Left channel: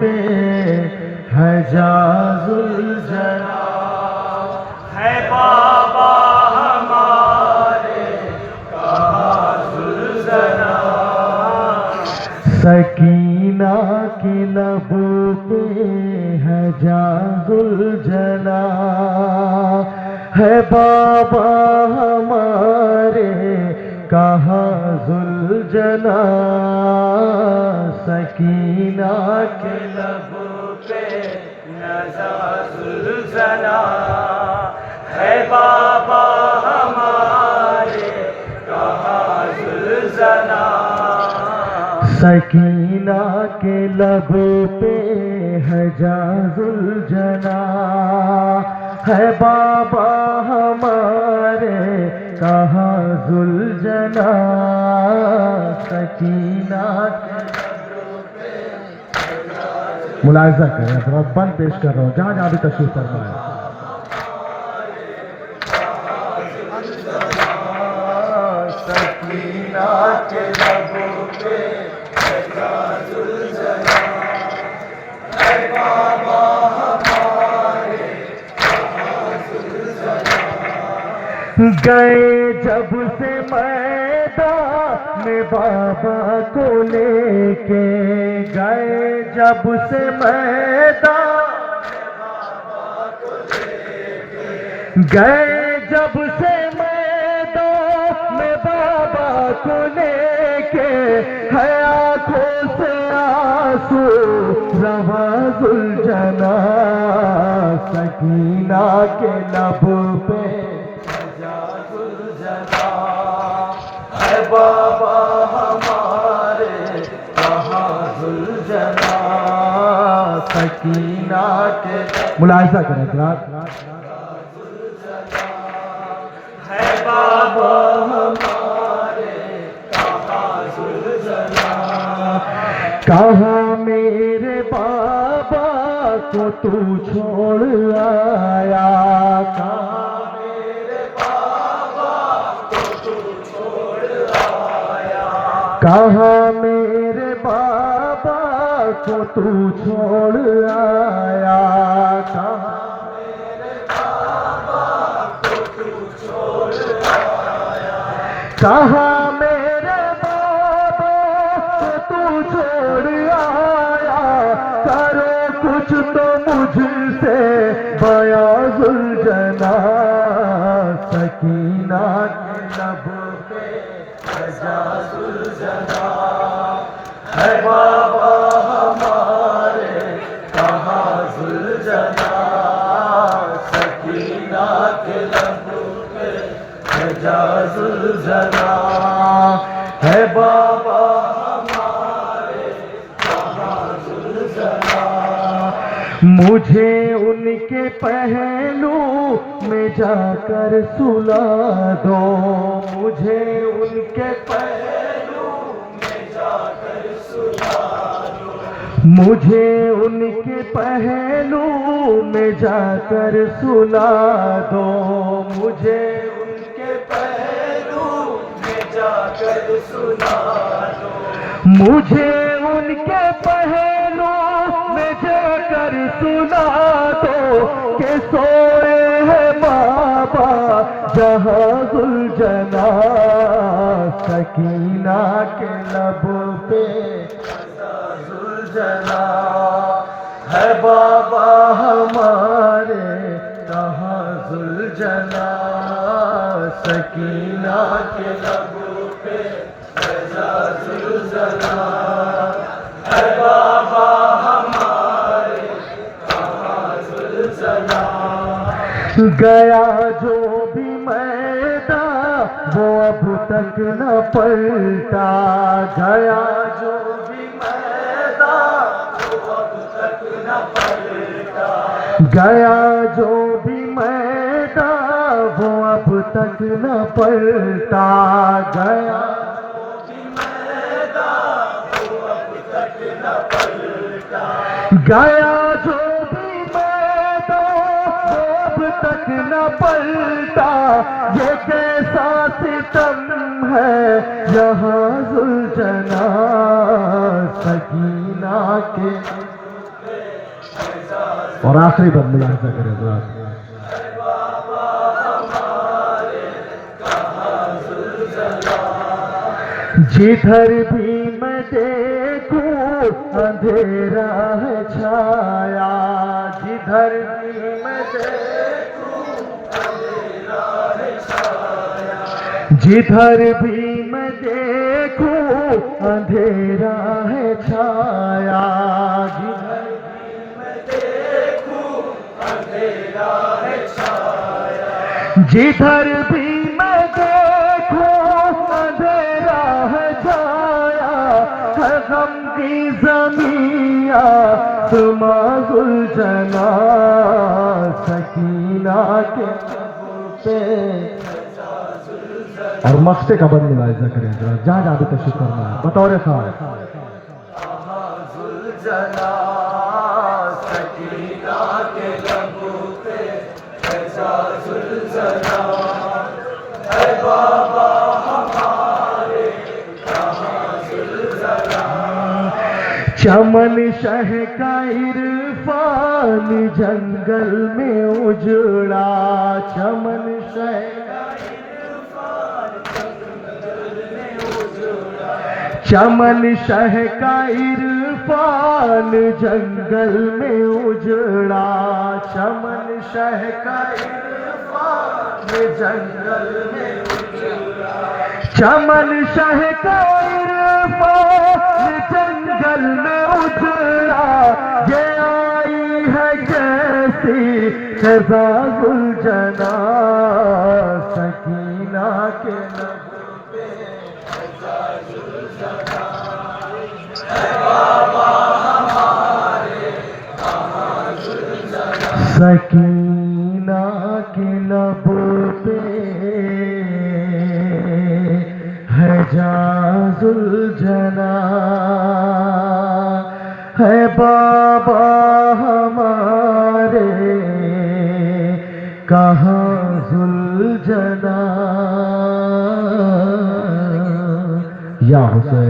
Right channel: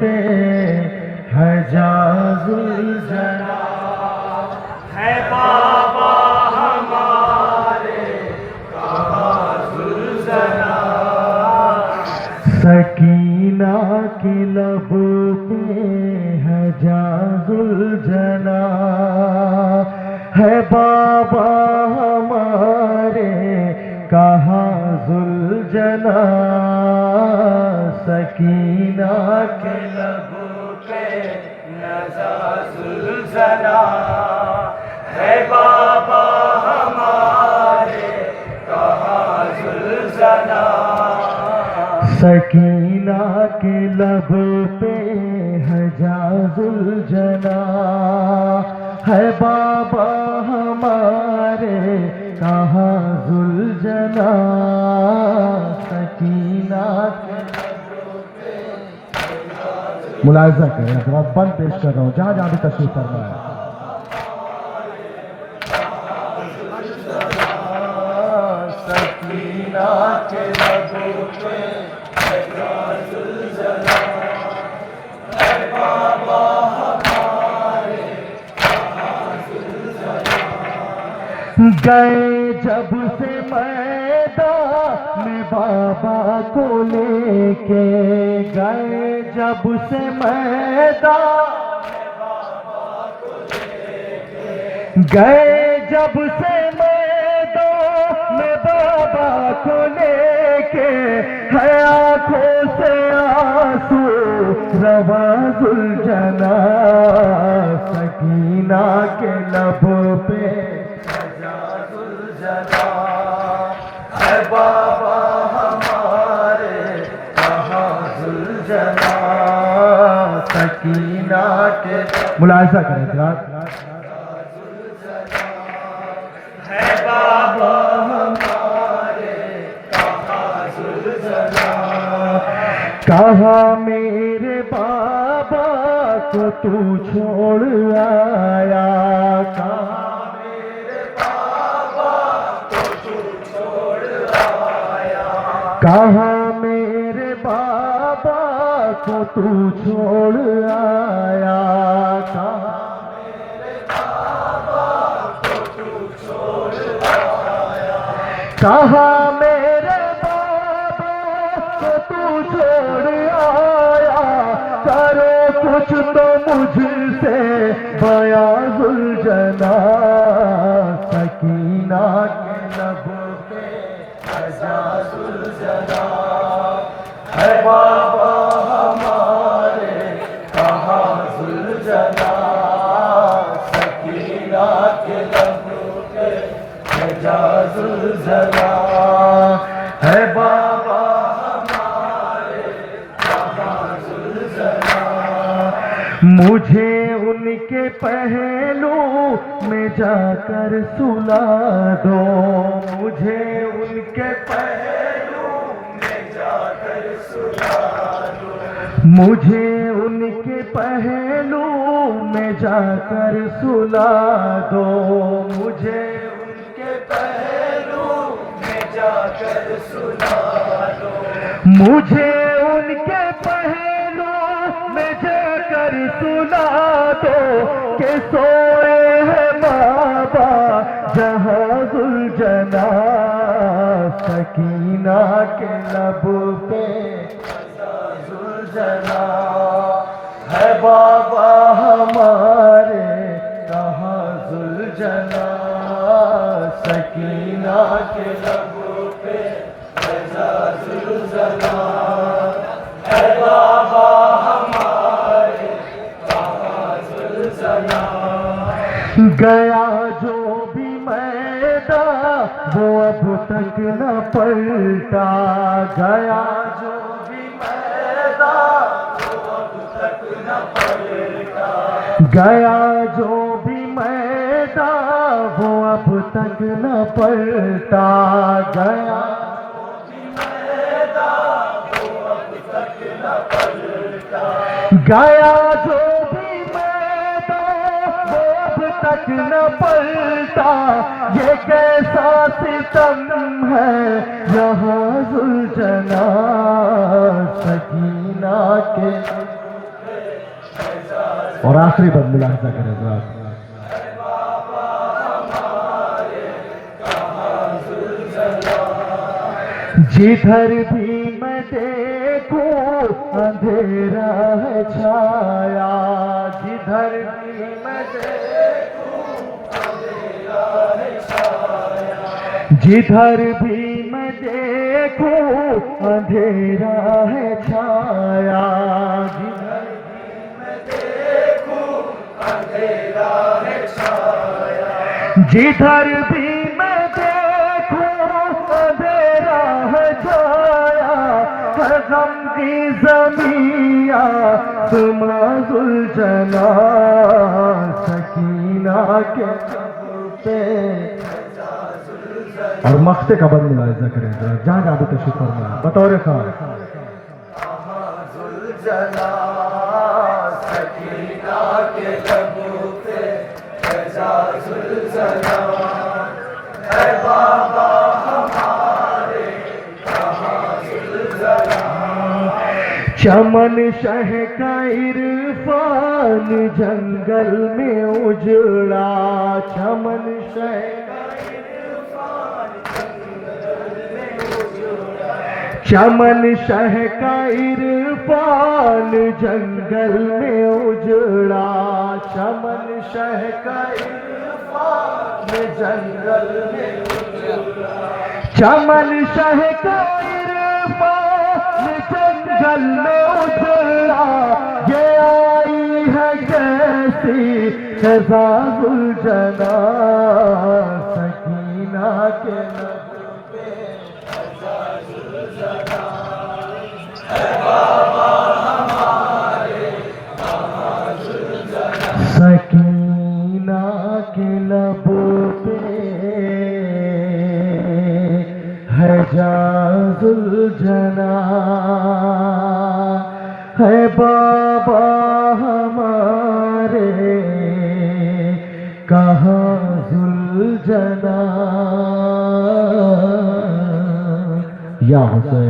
पे है जाजुल जना, है बाबा हमारे कहाँ जुल्जना, सकीना की लबों पे है जाजुल जना, है बाबा हमारे कहाँ जुल्जना, सकीना के लबों पे नज़र जुल्जना, है बाबा हमारे कहाँ जुल्जना, सकीना के लबों पे है जाजुल जना, है बाबा हमारे कहाँ जुल्जना, सकीना के लबों पे। मुलाहिजा करें, अपना बंद पेश कर रहा हूँ जहाँ जहाँ भी तशरीफ फरमा है। सकीना के लबों पे है जाजुल जना, है बाबा हमारे कहाँ जुल्जना, गए जब से मैदान में बाबा को लेके, गए जब से मैदान, गए जब से मैदान में बाबा को लेके, है आंखों से आंसू रवा जुल्जना, सकीना के लबों पे है बाबा हमारे कहाँ जुल्जना, सकीना के। मुलाहिजा करें जरा, है बाबा हमारे कहाँ जुल्जना, कहाँ मेरे बाबा को तू छोड़ आया, कहाँ मेरे बाबा को तू छोड़ आया, कहाँ मेरे बाबा को तू छोड़ आया, कहाँ मेरे बाबा को तू छोड़ आया, कहाँ मेरे बाबा को तू छोड़ आया, करो कुछ तो मुझसे बयां जुल्जना, सकीना के लबों पे है जाजुल जना, है बाबा हमारे कहाँ जुल्जना, सकीना के लबों पे है जाजुल जना, है बाबा हमारे कहाँ जुल्जना, मुझे उनके पहलू में जाकर सुला दो, मुझे उनके पहलू में जाकर सुला दो, मुझे उनके पहलू में जाकर सुला दो, मुझे उनके पहलू में जाकर सुला दो, मुझे उनके पहलू में जाकर सुला दो, के सोए है बाबा जहाँ जुल्जना, सकीना के लबों पे जुल्जना, है बाबा हमारे कहाँ जुल्जना, सकीना के लबों पे है जुल्जना, है बाबा हमारे कहाँ जुल्जना, गया जो भी मैदान वो अब तक न पलटा, गया जो भी मैदान वो अब तक न पलटा, गया जो भी मैदान वो अब तक न पलटा, गया जो भी मैदान वो अब तक न पलटा, गया जो भी मैदान वो अब तक न पलटा, ये कैसा सितम है यहाँ जुल्जना, सकीना के और आखिरी बंद मुलाहिजा करें जरा। जिधर भी मैं देखूं अंधेरा है छाया, जिधर भी मैं देखूं अंधेरा है छाया, जिधर भी मैं देखूं अंधेरा है छाया, जिधर भी मैं देखूं अंधेरा है छाया, जिधर भी मैं देखूं अंधेरा है छाया, गम की ज़मीया तुमाजुल जना सकीना के पे। और मख्ते का बंद मुलाहिजा करें जहाँ आदि तशरीफ फरमा बतौर खास चमन शह का इरफान जंगल में उजड़ा, चमन शह का इरफान जंगल में उजड़ा, चमन शह का इरफान जंगल में उजड़ा, चमन शह का इरफान जंगल में उजड़ा, चमन शह का जंगल में उजड़ा, ये आई है कैसी फ़िज़ाउल जना सकीना के लबों पे फ़िज़ाउल जना, ऐ बाबा हमारे फ़िज़ाउल जना, सकीना के लबों पे है जाजुल जना, है